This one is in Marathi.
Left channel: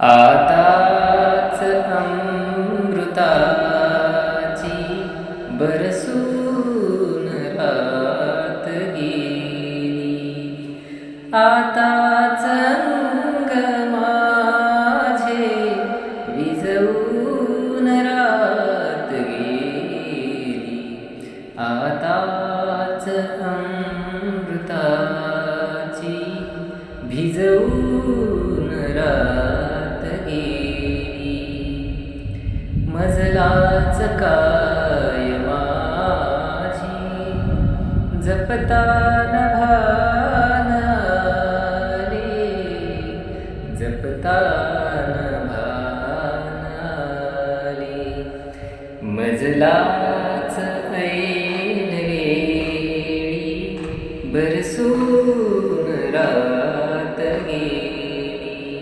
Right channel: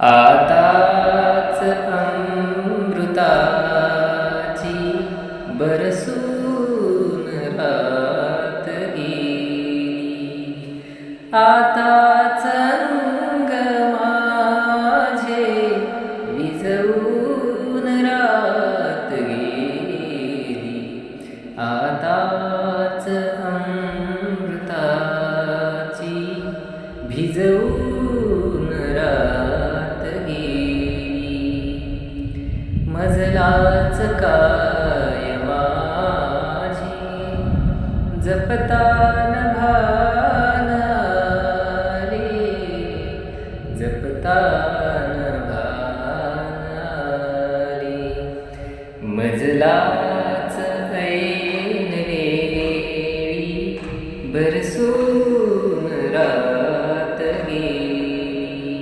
आताच अमृताची बरसून रात गेली, आताच अंग माझे विझवून रात गेली, आताच अमृताची भिजवून रात गेली. मजलाच काय माझी जपतान भान आले, जपतान भान आले. मजलाच ऐन वेळी बरसून रात